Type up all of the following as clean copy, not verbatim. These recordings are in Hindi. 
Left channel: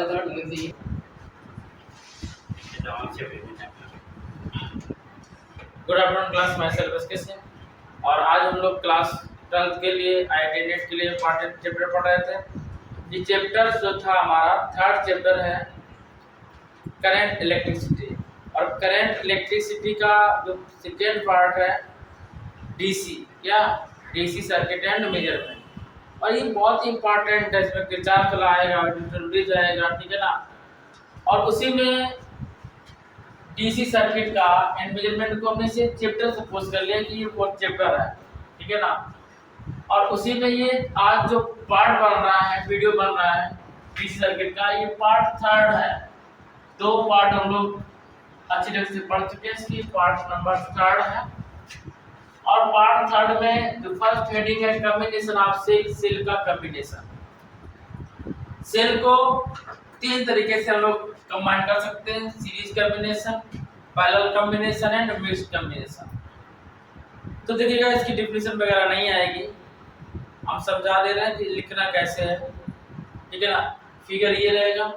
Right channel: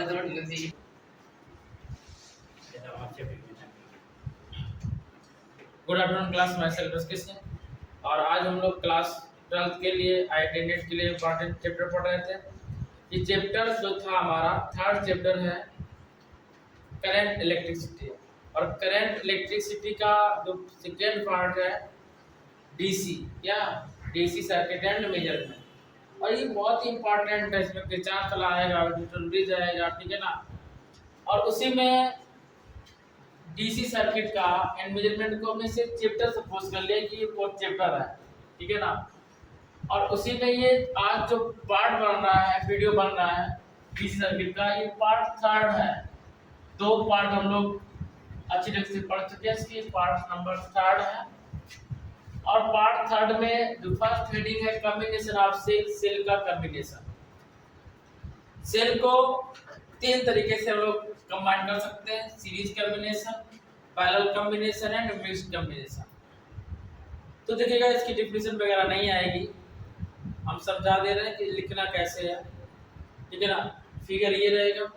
Good afternoon class, myself SK Singh. और आज हम लोग क्लास 12th के लिए IIT नेट के लिए इंपॉर्टेंट चैप्टर पढ़ रहे थे। ये चैप्टर जो था हमारा थर्ड चैप्टर है करंट इलेक्ट्रिसिटी। और करंट इलेक्ट्रिसिटी का जो सेकेंड पार्ट है DC या DC सर्किट एंड मेजरमेंट। और ये बहुत ही इंपॉर्टेंट है, इसमें किरचॉफ लॉ आएगा, न्यूटन आएगा, ठीक है ना। और उसी में DC सर्किट का एंड मेजरमेंट को हमने से चैप्टर सपोज कर लिया कि ये फोर्थ चैप्टर है, ठीक है ना। और उसी में ये आज जो पार्ट बन रहा है, वीडियो बन रहा है DC सर्किट का, ये पार्ट थर्ड है। दो पार्ट हम लोग अच्छी तरह से पढ़ चुके हैं, इसकी पार्ट नंबर थर्ड है। और पार्ट थर्ड में जो फर्स्ट हेडिंग है कॉम्बिनेशन ऑफ सेल का कॉम्बिनेशन। सेल को तीन तरीके से हम लोग कंबाइन कर सकते हैं: series combination, parallel combination and mixed combination. तो देखिएगा, इसकी डेफिनेशन वगैरह नहीं आएगी, हम समझा दे रहे हैं कि लिखना कैसे है, ठीक है ना। फिगर ये रहेगा,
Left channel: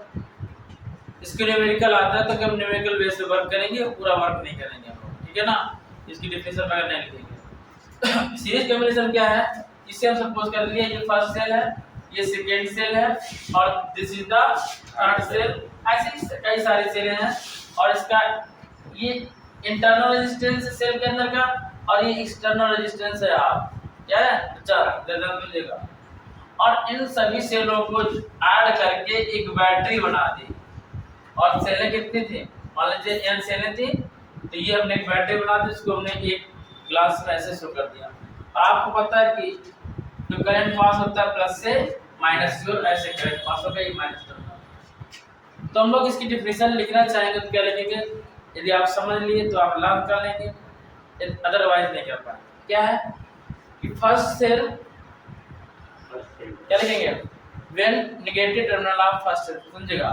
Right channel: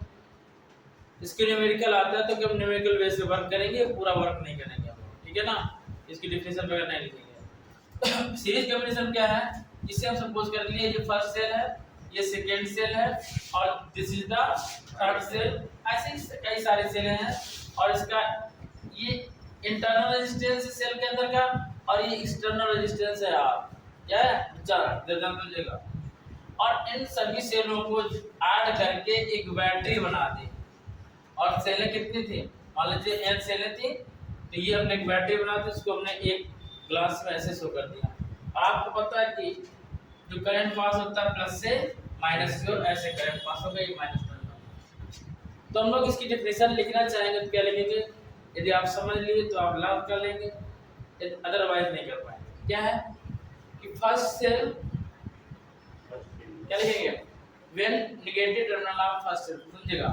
इसके न्यूमेरिकल आता है तो हम न्यूमेरिकल बेस पे वर्क करेंगे, पूरा वर्क नहीं करेंगे हम लोग, ठीक है ना। इसकी डेफिनेशन वगैरह नहीं लिखेंगे। सीरीज कॉम्बिनेशन क्या है, इसे हम सपोज कर लिए ये फर्स्ट सेल है, ये सेकेंड सेल है और this is the third cell. ऐसे कई सारे सेल हैं और इसका ये इंटरनल रेजिस्टेंस है सेल के अंदर का और ये एक्सटर्नल रेजिस्टेंस है। आप क्या है ध्यान मिलेगा। और इन सभी सेलों को ऐड करके एक बैटरी बना दी। और सेलें कितनी थी, मान लीजिए n सेलें थी, तो ये हमने एक बैटरी बना दी, इसको हमने एक ग्लास में ऐसे शो कर दिया। आपको पता है कि जो करंट पास होता है प्लस से माइनस की ओर, ऐसे करंट पास होगा, ये माइनस टर्मिनल। तो हम लोग इसकी डेफिनेशन लिखना चाहेंगे तो क्या लिखेंगे, यदि आप समझ लिए तो आप लर्न कर लेंगे, अदरवाइज नहीं कर पाए। क्या है कि फर्स्ट सेल क्या लिखेंगे, when negative terminal of first cell, समझेगा,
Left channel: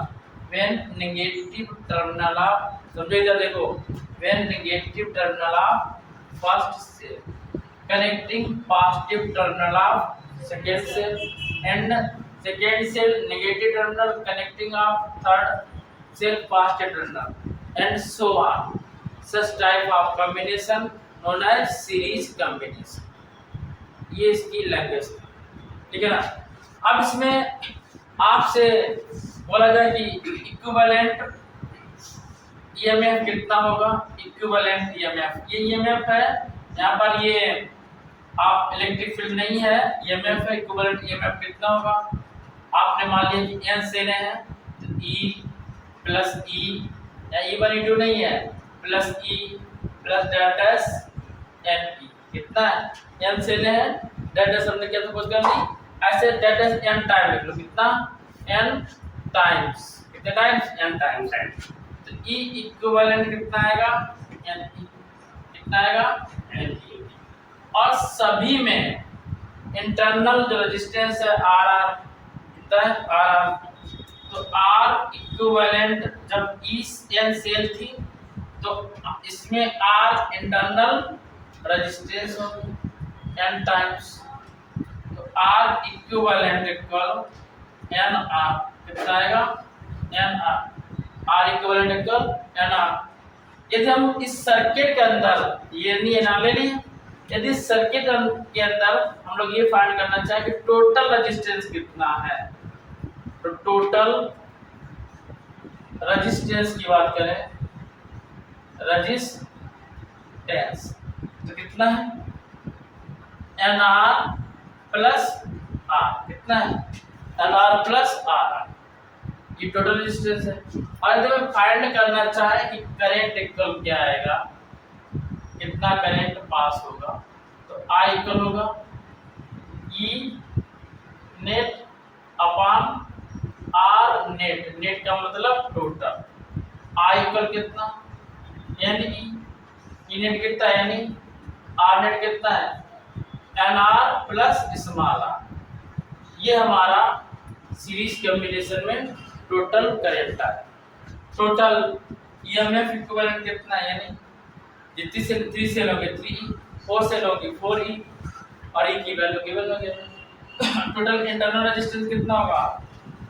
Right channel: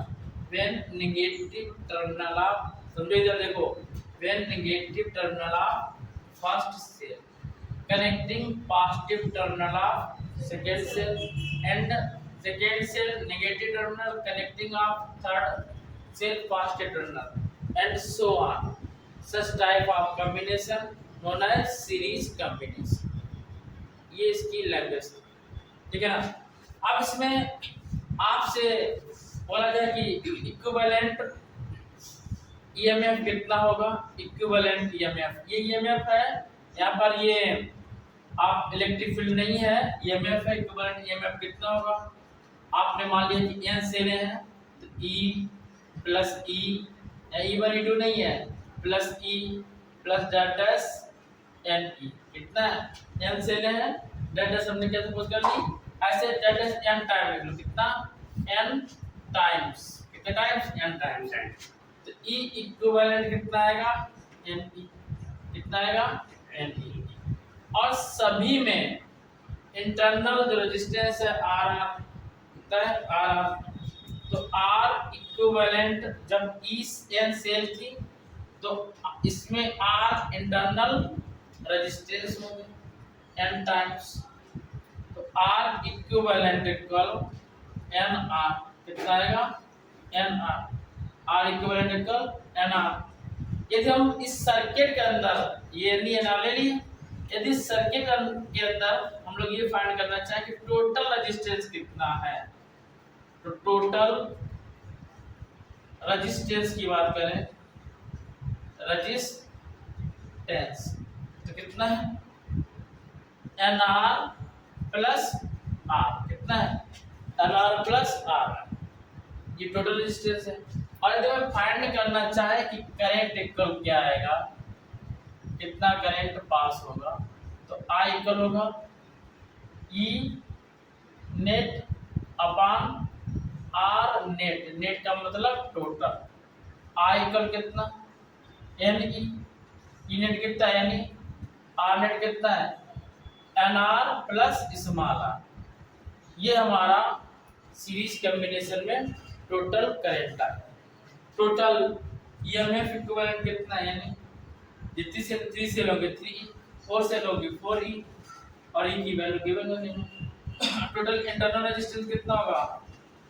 व्हेन नेगेटिव टर्मिनल ऑफ, समझो इधर देखो, when negative terminal of first cell connecting positive terminal of second cell and second cell negative terminal connecting of third cell positive terminal and so on. Such type of combination known as series combination. ये इसकी लैंग्वेज, ठीक है ना। अब इसमें आपसे बोला जाए कि इक्विवेलेंट EMF कितना होगा। इक्विवेलेंट EMF, ये EMF है यहाँ पर, ये आप इलेक्ट्रिक फील्ड नहीं है, EMF है। इक्विवेलेंट EMF कितना होगा, आपने मान लिया कि n सेलें हैं तो E प्लस E, या E1 E2 नहीं है, plus E plus delta NE कितना है, n सेलें हैं, डेल्टा हमने क्या सपोज कर ली, ऐसे डेल्टा n टाइम लिख लो, कितना n टाइम्स, कितने टाइम्स, n टाइम्स। तो E इक्विवेलेंट कितना आएगा, NE कितना आएगा, NE। और सभी में इंटरनल जो रेजिस्टेंस है RR कितना है, RR। तो R इक्विवेलेंट जब E n सेल थी तो इसमें R इंटरनल रेजिस्टेंस होगी n टाइम्स। तो R इक्विवेलेंट इक्वल NR कितना आएगा, NR। R equivalent equal NR। यदि हम इस सर्किट के अंदर ये नहीं ना ले लिए, यदि सर्किट के अंदर हम लोग ये फाइंड करना चाहे कि टोटल रेजिस्टेंस कितना है, तो टोटल रेजिस्टेंस की बात करें, रेजिस्टेंस तो कितना है, NR प्लस R, कितना है, NR प्लस R, ये टोटल रेजिस्टेंस है। और यदि हम फाइंड करना चाहे कि करंट इक्वल क्या आएगा, कितना करंट पास होगा, तो I इक्वल होगा E net upon R net, net का मतलब टोटल। I इक्वल कितना, NE, E नेट कितना है, NE, R नेट कितना है, NR प्लस स्मॉल r। ये हमारा सीरीज कॉम्बिनेशन में टोटल करंट है। टोटल EMF इक्विवेलेंट कितना है, यानी जितनी से 3 सेल होंगे 3E, 4 सेल होंगे 4E और E की वैल्यू गिवन हो गया। टोटल इंटरनल रेजिस्टेंस कितना होगा,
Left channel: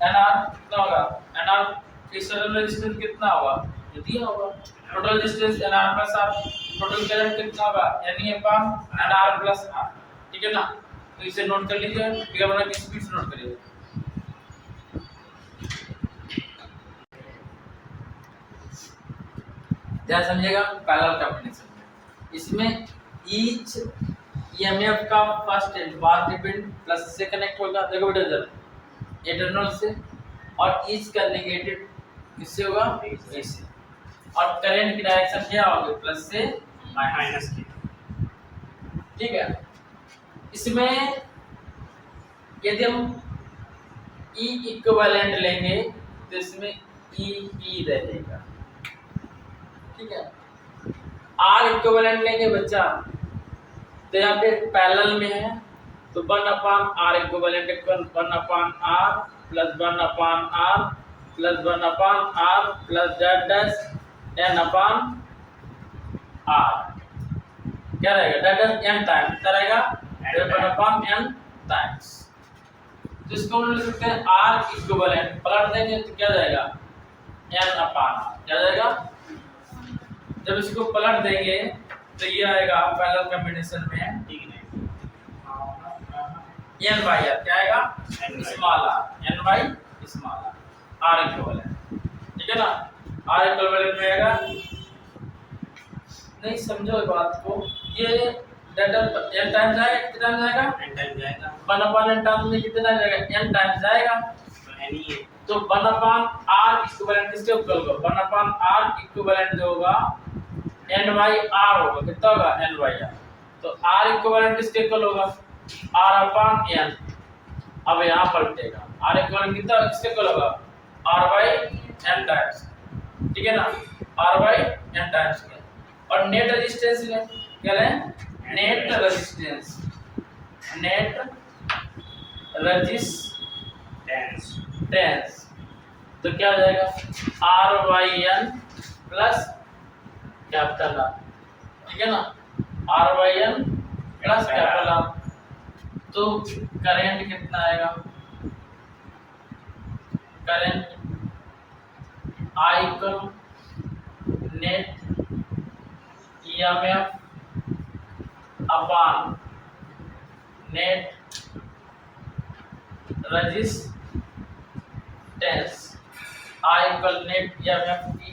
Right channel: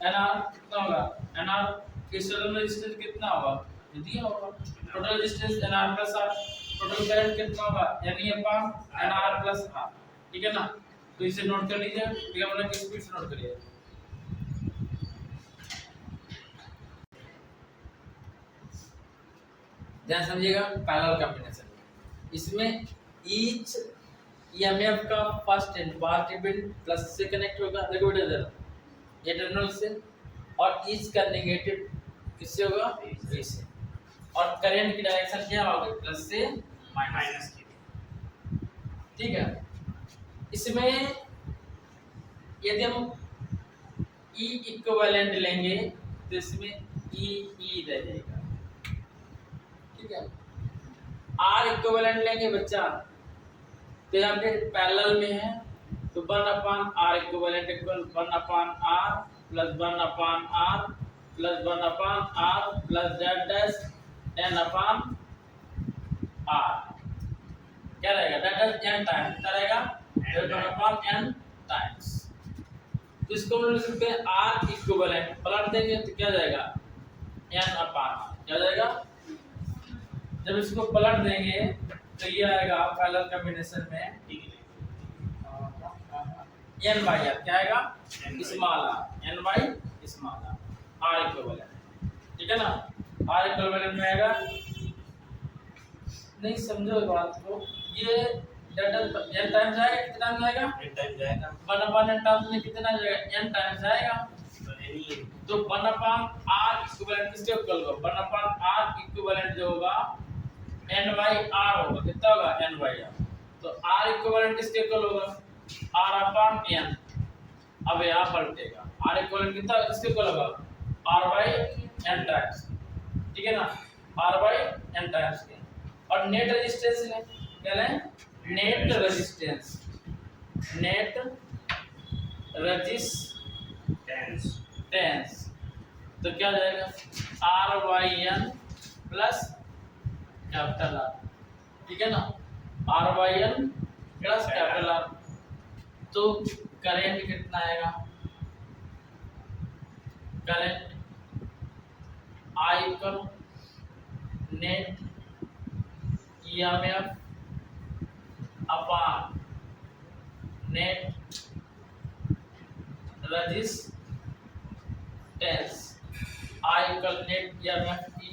एन आर कितना होगा, एन आर एक्सटर्नल रेजिस्टेंस कितना होगा, जो दिया होगा। Total resistance N R plus R, total current कितना होगा, N E upon N R plus R, ठीक है ना। तो इसे नोट कर लीजिए, फिगर बना के स्पीड से नोट करिए। ध्यान समझिएगा, पैरेलल कॉम्बिनेशन में इसमें ईच ईएमएफ का first and path depend plus से कनेक्ट होगा, देखो बेटा इधर ये टर्मिनल से, और ईच का नेगेटिव किससे होगा, ए से, और करंट की डायरेक्शन क्या होगी, प्लस से माइनस की, ठीक है। इसमें यदि हम ई इक्विवेलेंट लेंगे तो इसमें ई रहेगा, ठीक है। आर इक्विवेलेंट लेंगे बच्चा तो यहाँ पे पैरेलल में है, तो 1/r equivalent 1/r plus 1/r plus 1/r plus z n/r क्या रहेगा, that is n टाइम्स क्या रहेगा, 1/n टाइम्स। तो इसको हम लिख सकते हैं r इक्विवेलेंट, पलट देंगे तो क्या जाएगा, n/r, क्या जाएगा। जब इसको पलट देंगे तो ये आएगा पैरेलल कॉम्बिनेशन में n/r, क्या आएगा, स्मॉल r, n/स्मॉल r इक्विवेलेंट, ठीक है ना। r इक्विवेलेंट में आएगा, नहीं समझो इस बात को, ये डेल्टा n टाइम्स जाएगा, कितना टाइम जाएगा, n टाइम जाएगा, 1/n टाइम्स में कितना जाएगा, n टाइम्स जाएगा, तो n ही है। तो 1/r इक्विवेलेंट किसके इक्वल होगा, 1/r इक्विवेलेंट जो होगा n/r होगा, कितना होगा, n/r। तो r इक्विवेलेंट किसके इक्वल होगा, r/n। अब यहाँ पलटेगा, r इक्विवेलेंट कितना किसके इक्वल होगा, r/n टाइम्स, ठीक है ना, r/n टाइम्स के। और नेट रेजिस्टेंस लें, क्या लें, नेट रेजिस्टेंस, नेट रेजिस्टेंस, तो क्या हो जाएगा, r/n प्लस कैपिटल R, ठीक है ना, r/n प्लस कैपिटल R। तो करंट कितना आएगा, current I equal net EMF upon net resistance, I equal net EMF की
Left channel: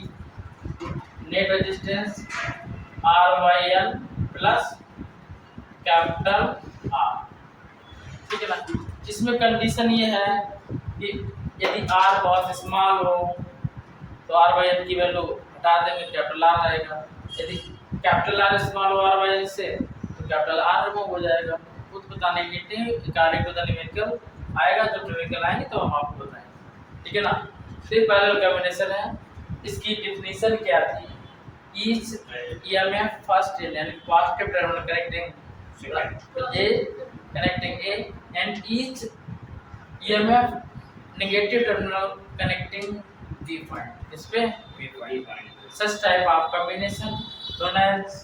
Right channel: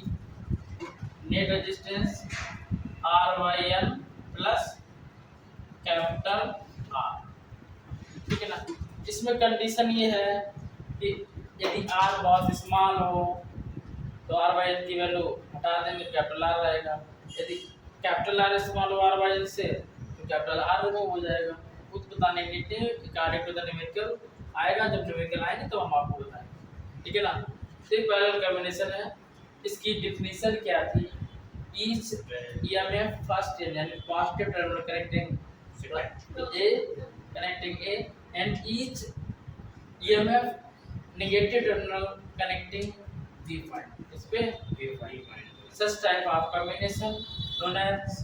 net resistance r/n plus capital R, ठीक है ना। इसमें कंडीशन ये है कि यदि r बहुत स्मॉल हो तो r/n की वैल्यू हटा देंगे, कैपिटल R रहेगा। यदि कैपिटल R स्मॉल हो r/n से तो कैपिटल R रिमूव हो जाएगा। खुद बताने के लिए अकॉर्डिंग टू द न्यूमेरिकल आएगा, जब न्यूमेरिकल आएंगे तो हम आपको बताएंगे, ठीक है ना। तो पैरेलल कॉम्बिनेशन है, इसकी डेफिनेशन क्या थी, ईच ईएमएफ फर्स्ट यानी positive terminal connecting A and each EMF negative terminal connecting V point, इस पे V point, such type of combination known as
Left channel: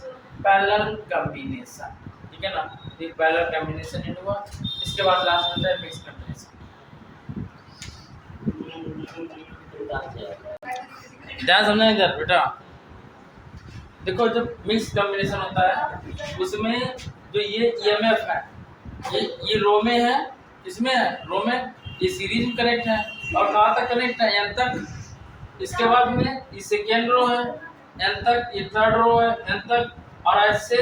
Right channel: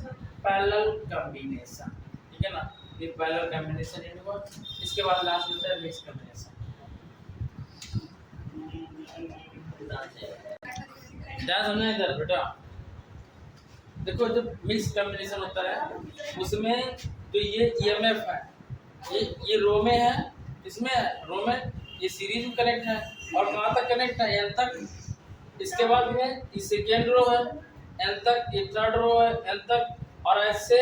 parallel combination, ठीक है ना। ये parallel combination इन हुआ, इसके बाद लास्ट होता है mixed combination। ध्यान समझना इधर बेटा, देखो जब मिक्स कॉम्बिनेशन होता है उसमें जो ये ईएमएफ है ये रो में है, इसमें है रो में, ये सीरीज में कनेक्ट है, और कहाँ तक कनेक्ट है, एन तक। इसके बाद में ये सेकेंड रो है, एन तक, ये थर्ड रो है, एन तक, और ऐसे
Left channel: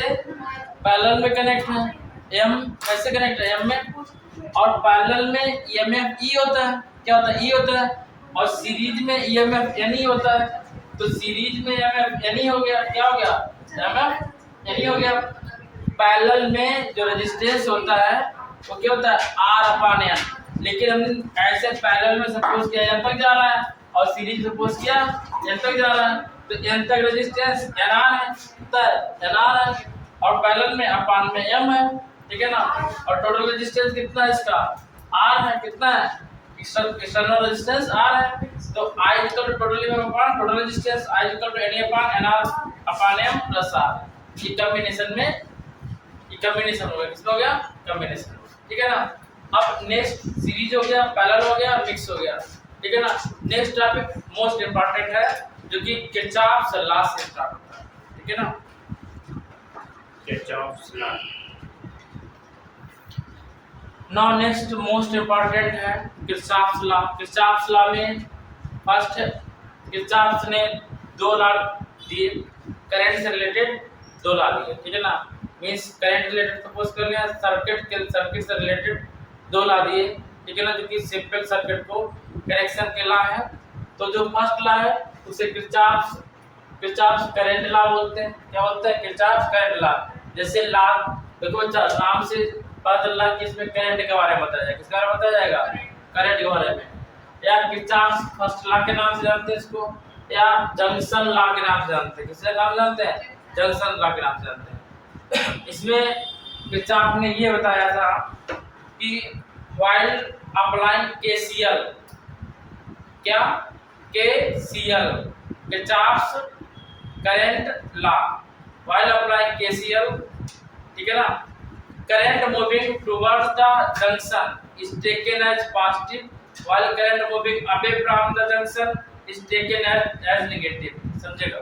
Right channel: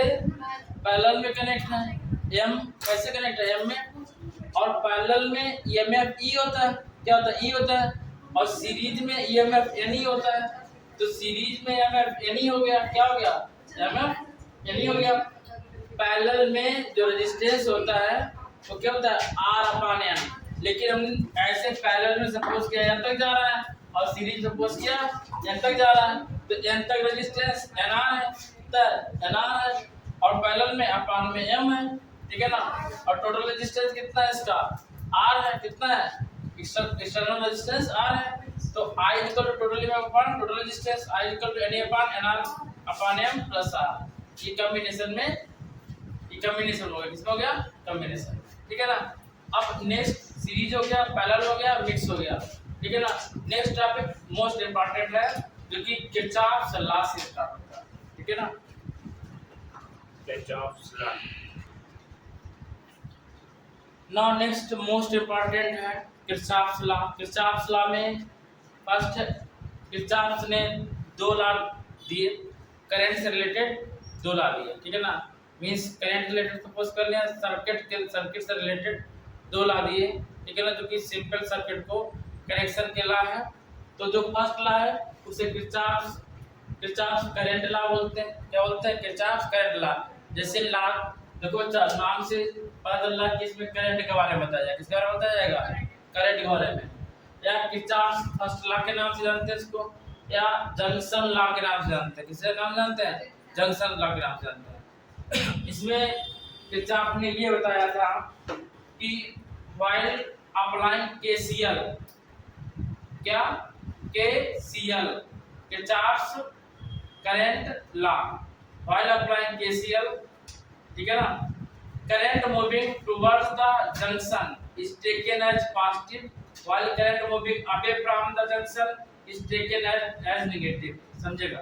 पैरेलल में कनेक्ट है, एम ऐसे कनेक्ट है एम में, और पैरेलल में ईएमएफ ई होता है, क्या होता है, ई होता है, और सीरीज में ईएमएफ एन ई होता है। तो सीरीज में ईएमएफ एन ई हो गया, क्या हो गया, ईएमएफ एन ई हो गया। पैरेलल में जो रेजिस्टेंस होता है वो क्या होता है, r/n, लेकिन हमने ऐसे पैरेलल में सपोज किया n तक जा रहा है और सीरीज सपोज किया n तक जा रहा है, तो n तक रेजिस्टेंस nr है, nr है, और पैरेलल में अपॉन में m है, ठीक है ना। और टोटल रेजिस्टेंस कितना है इसका, r है, कितना है, एक्सटर्नल रेजिस्टेंस r है। तो I equal to total total resistance I equal to NA/NR/M plus R। ये कॉम्बिनेशन में, ये कॉम्बिनेशन हो गया, किसका हो गया, कॉम्बिनेशन, ठीक है ना। अब नेक्स्ट सीरीज हो गया, पैरेलल हो गया, मिक्स हो गया, ठीक है ना। नेक्स्ट टॉपिक मोस्ट इंपॉर्टेंट है जो कि किरचॉफ्स लॉ से स्टार्ट होता है, ठीक है ना। Kirchhoff's law. Now next most important है किरचॉफ्स लॉ। किरचॉफ्स लॉ में फर्स्ट किरचॉफ्स ने 2 लॉ दिए, करंट से रिलेटेड 2 लॉ दिए, ठीक है ना। मींस करंट रिलेटेड सपोज कर लिया, सर्किट से रिलेटेड 2 लॉ दिए, ठीक है ना, जो कि सिंपल सर्किट को कनेक्शन के लॉ है। तो जो फर्स्ट लॉ है उसे किरचॉफ्स करंट लॉ बोलते हैं। क्या बोलते हैं? Kirchhoff's current law. जैसे लॉ देखो बच्चा, नाम से पता चल रहा है कि इसमें करंट के बारे में बताया जाएगा। किसके बारे में बताया जाएगा? करंट के बारे में। या किरचॉफ्स फर्स्ट लॉ के नाम से जानते हैं इसको, या जंक्शन लॉ के नाम से जानते हैं। किसके नाम जानते हैं? जंक्शन लॉ के नाम से जानते हैं। इसमें किरचॉफ ने ये बताया था कि व्हाइल अप्लाइंग केसीएल, क्या? KCL, Kirchhoff's current law, while applying KCL, ठीक है ना। Current moving towards the junction is taken as positive, while current moving away from the junction is taken as negative। समझेगा?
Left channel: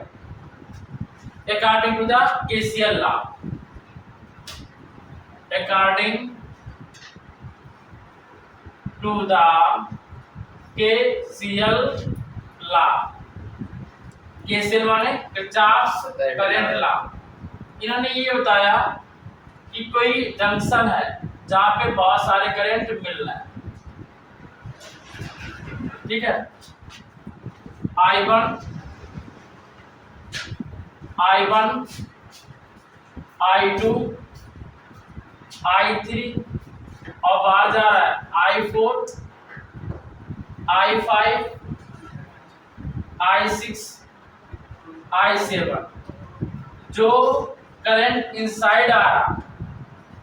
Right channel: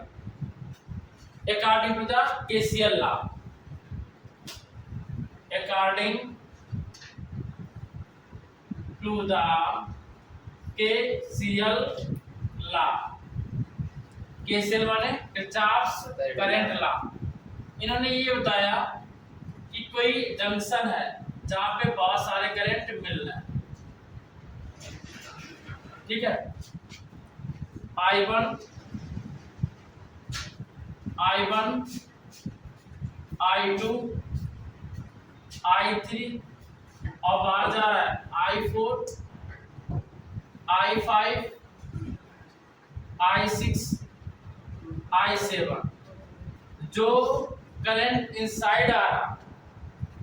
According to the KCL law, according to the KCL law, KCL माने किरचॉफ्स करंट लॉ। इन्होंने ये बताया कि कोई जंक्शन है जहां पे बहुत सारे करंट मिल रहे हैं, ठीक है। I1 I2 I3 और बाहर जा रहा है I4 I5 I6 I7। जो करंट इनसाइड आ रहा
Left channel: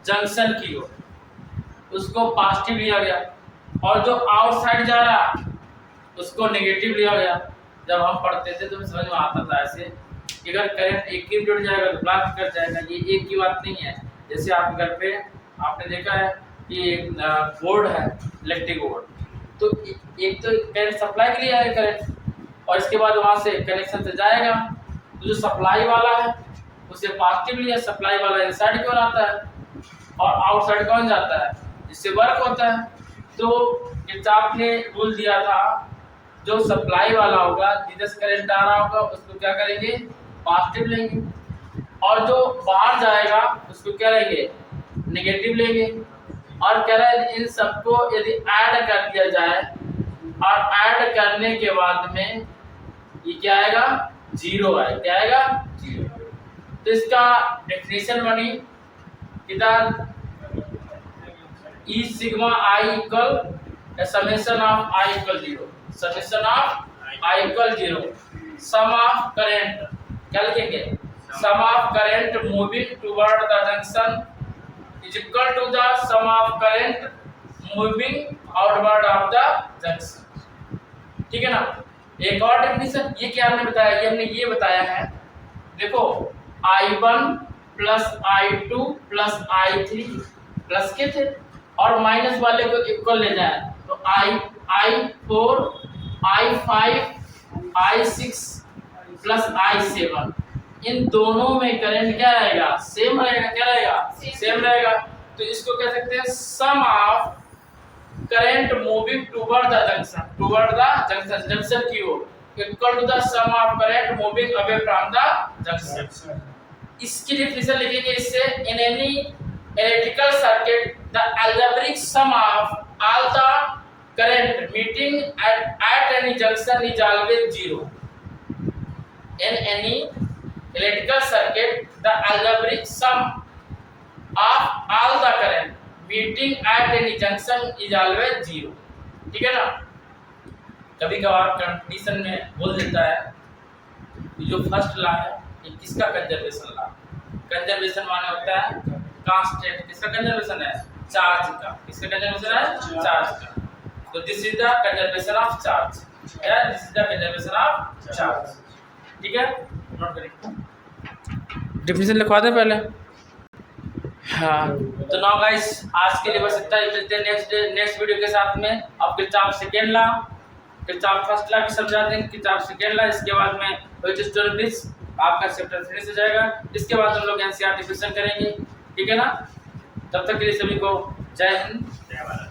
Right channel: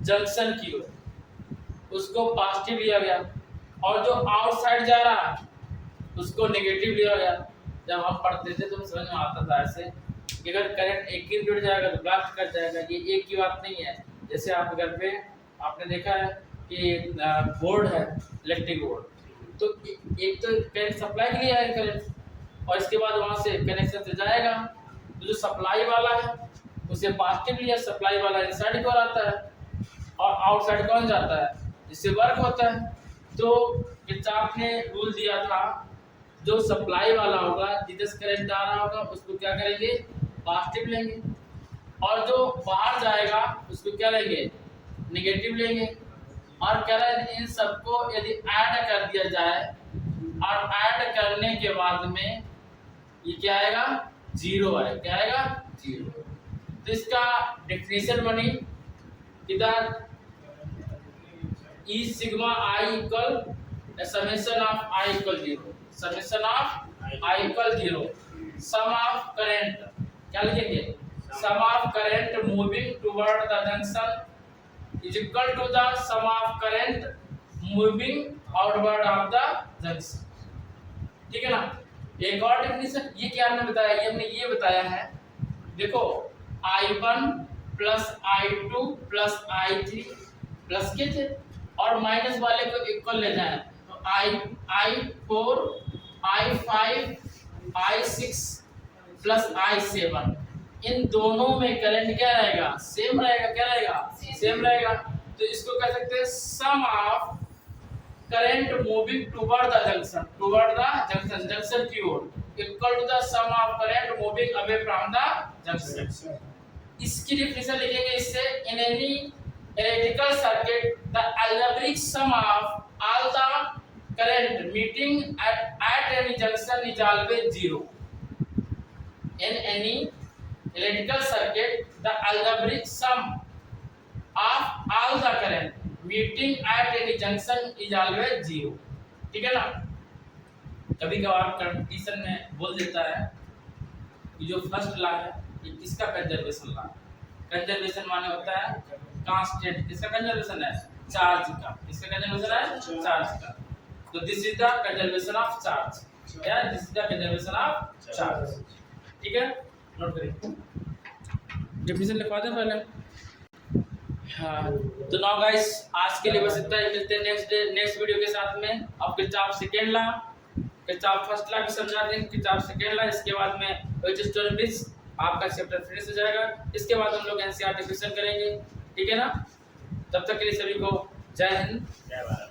जंक्शन की ओर उसको पॉजिटिव लिया गया, और जो आउटसाइड जा रहा उसको नेगेटिव लिया गया। जब हम पढ़ते थे तो समझ में आता था ऐसे कि अगर करंट एक की जुड़ जाएगा तो प्लस कर जाएगा। ये एक की बात नहीं है। जैसे आपके घर पे आपने देखा है कि बोर्ड है, इलेक्ट्रिक बोर्ड, तो एक तो करंट सप्लाई के लिए है करंट, और इसके बाद वहाँ से कनेक्शन से जाएगा तो जो सप्लाई वाला है उसे पॉजिटिव लिया, सप्लाई वाला इनसाइड की ओर आता है और आउटसाइड कौन जाता है? जिससे वर्क होता है। तो किरचॉफ ने रूल दिया था जो सप्लाई वाला होगा, जिधर से करंट आ रहा होगा उसको क्या करेंगे? पॉजिटिव लेंगे, और जो बाहर जाएगा उसको क्या लेंगे? नेगेटिव लेंगे। और कह रहे हैं इन सबको यदि ऐड कर दिया जाए और ऐड करने के बाद में ये क्या आएगा? जीरो आए। क्या आएगा? जीरो। तो इसका डेफिनेशन बनी इधर E sigma I equal summation of I equal 0, summation of I equal 0, sum of current, क्या लिखेंगे? sum of current moving toward the junction is equal to the sum of current moving outward of the junction, ठीक है ना। एक और डेफिनेशन ये क्या हमने बताया? ये हमने ये बताया है, देखो I1 plus I2 plus I3 plus के थे और माइनस वाले को इक्वल ले जाए तो I4 I5 I6 plus I7, इन दोनों में करंट क्या रहेगा? सेम रहेगा। क्या रहेगा? सेम रहेगा। तो इसको कह सकते हैं sum of current moving toward the junction, junction की ओर equal to the sum of current moving away from the junction. इसकी डेफिनेशन लिखेंगे इससे, in any electrical circuit the algebraic sum of all the current meeting at any junction is always 0. In any electrical circuit the algebraic sum of all the current meeting at any junction is always 0, ठीक है ना। कभी कभार कंडीशन में बोल देता है जो फर्स्ट लॉ है ये किसका? Conservation law. कंजर्वेशन माने होता है कांस्टेंट। किसका कंजर्वेशन है? चार्ज का। किसका कंजर्वेशन है? चार्ज का। तो this is the conservation of charge, या this is the conservation of charge, ठीक है। नोट करिए, डेफिनेशन लिखवा दें पहले। हाँ, तो नाउ गाइस आज के लिए बस इतना ही। मिलते हैं नेक्स्ट वीडियो के साथ में। अब किताब सेकेंड ला, किताब फर्स्ट ला भी समझा देंगे, किताब सेकेंड ला, इसके बाद में व्हिच स्टोरी ब्रिज आपका चैप्टर फिनिश हो जाएगा। इसके बाद हम लोग एनसीईआरटी क्वेश्चन करेंगे, ठीक है ना। तब तक के लिए सभी को जय हिंद, जय भारत।